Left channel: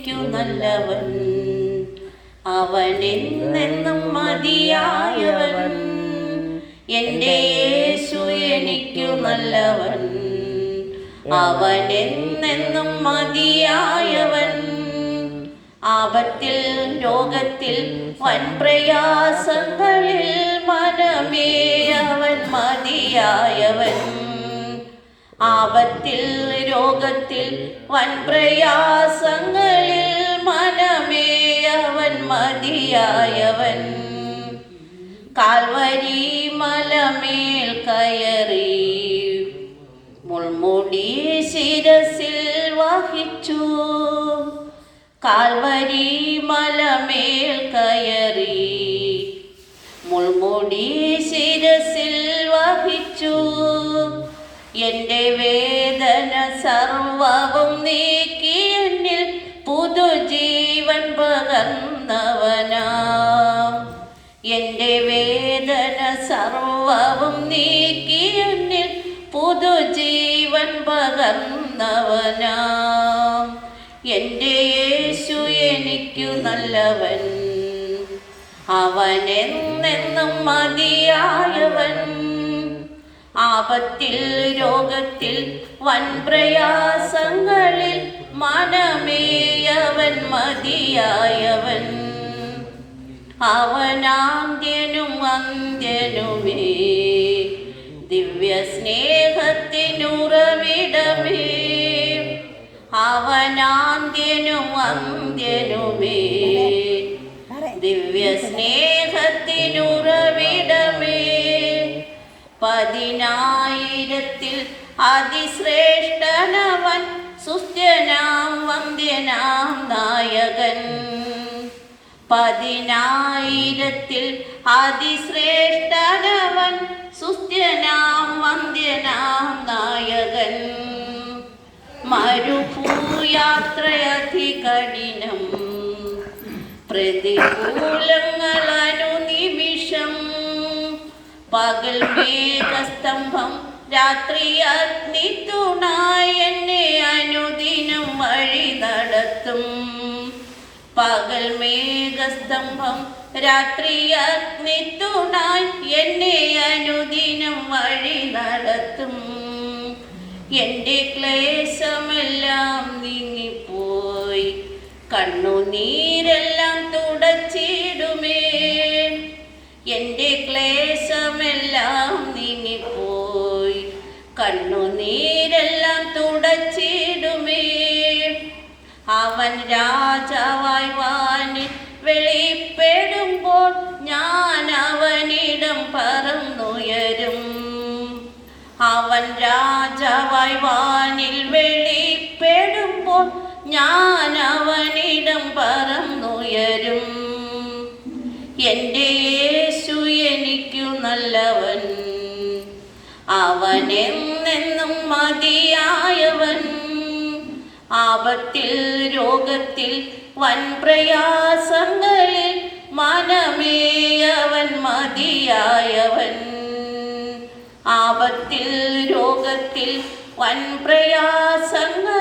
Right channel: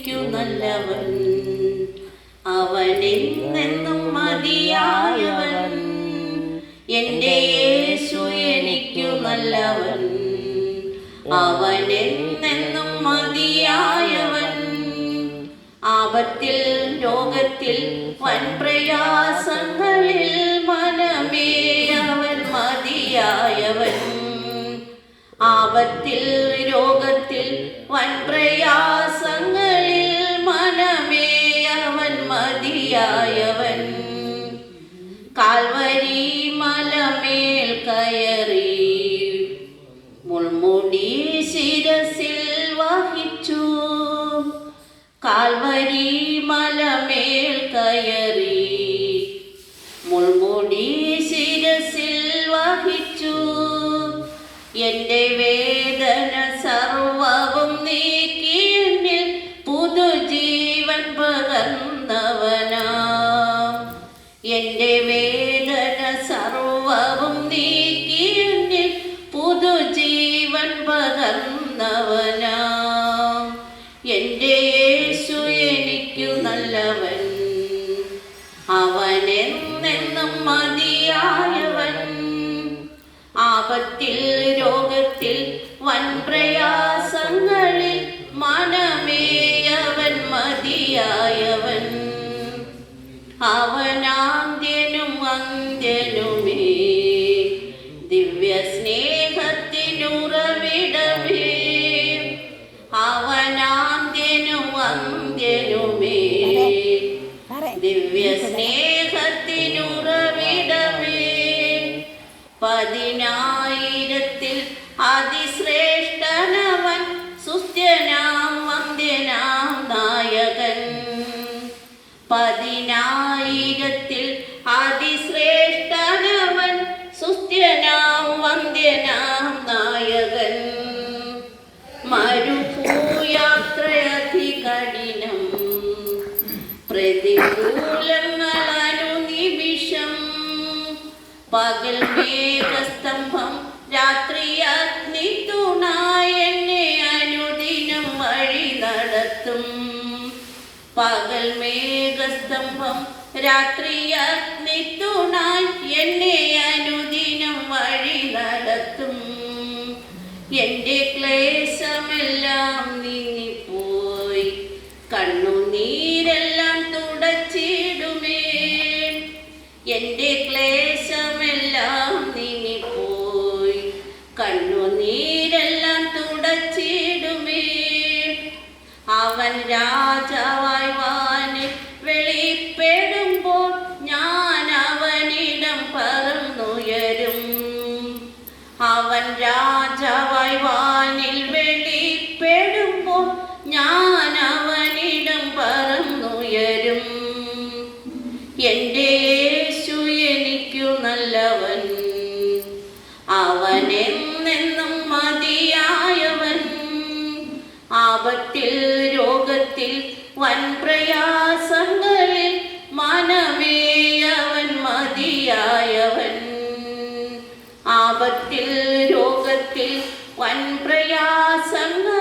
നല്ലവൻ. അവൻ എന്നെന്നും മതിയായവൻ. എന്റെ യേശു എനിക്കു നല്ലവൻ. അവൻ എന്നെന്നും മതിയായവൻ. ആപത്തിൽ രോഗത്തിൽ വൻ പ്രയാസങ്ങളിൽ മനമേ അവൻ മതിയായവൻ. ആപത്തിൽ രോഗത്തിൽ വൻ പ്രയാസങ്ങളിൽ മതിയായവൻ കാൽവരി മലമേൽ കയറി മുൾമുടി ശിരസിൽ വഹിച്ചു. കാൽവരി മലമേൽ കയറി മുൾമുടി ശിരസിൽ വഹിച്ചു. എന്റെ വേദന സർവവും നീക്കി എന്നിൽ പുതുജീവൻ പകർന്നവനാ എന്റെ വേദന സർവവും നീക്കി എന്നിൽ പുതുജീവൻ പകർന്നവനാം. എന്റെ യേശു എനിക്കു നല്ലവൻ. അവനെന്നെന്നും മതിയായവൻ. ആപത്തിൽ രോഗത്തിൽ വൻ പ്രയാസങ്ങളിൽ മനമേയവൻ മതിയായവൻ. അവനാന്ത്യനും അന്ത്യനുമേ ദിവ്യ സ്നേഹത്തിനുറവിടമേ അവനാന്ത്യനും അന്ത്യനുമേ ദിവ്യ സ്നേഹത്തിനുറവിടമേ പതിനായിരത്തിൽ അതിശ്രേഷ്ഠനവൻ സുസ്ഥനാം വന്ദ്യനാം നായകൻ. പതിനായിരത്തിൽ അതിശ്രേഷ്ഠനവൻ സുസ്ഥനാം വന്ദ്യനാം നായകൻ മരുഭൂയാത്രയധി കഠിനം പ്രതികൂലങ്ങൾ അനുനിമിഷം പകൽ മേഘസ്തംഭം രാത്രി അഗ്നി തുണായി എന്നെ അനുദിനം വഴി നടത്തും. പകൽ മേഘസ്തംഭം രാത്രി അഗ്നി തുണായി എന്നെ അനുദിനം വഴി നടത്തും. എന്റെ ക്ലേശമെല്ലാം നീങ്ങിപ്പോയി കണ്ണുനീരെല്ലാം അവൻ രാജാവായി വാനിൽ വെളിപ്പെടുമ്പോൾ ഞാൻ അവനിടം പറന്നുയരും. അവൻ രാജാവായി വാനിൽ വെളിപ്പെടുമ്പോൾ ഞാൻ അവനിടം പറന്നുയരും. എന്റെ യേശു എനിക്കു നല്ലവൻ. അവൻ എന്നെന്നും മതിയായവൻ. ആപത്തിൽ രോഗത്തിൽ വൻ പ്രയാസങ്ങളിൽ മനമേ അവൻ മതിയായവൻ. ആപത്തിൽ രോഗത്തിൽ വൻ പ്രയാസങ്ങളിൽ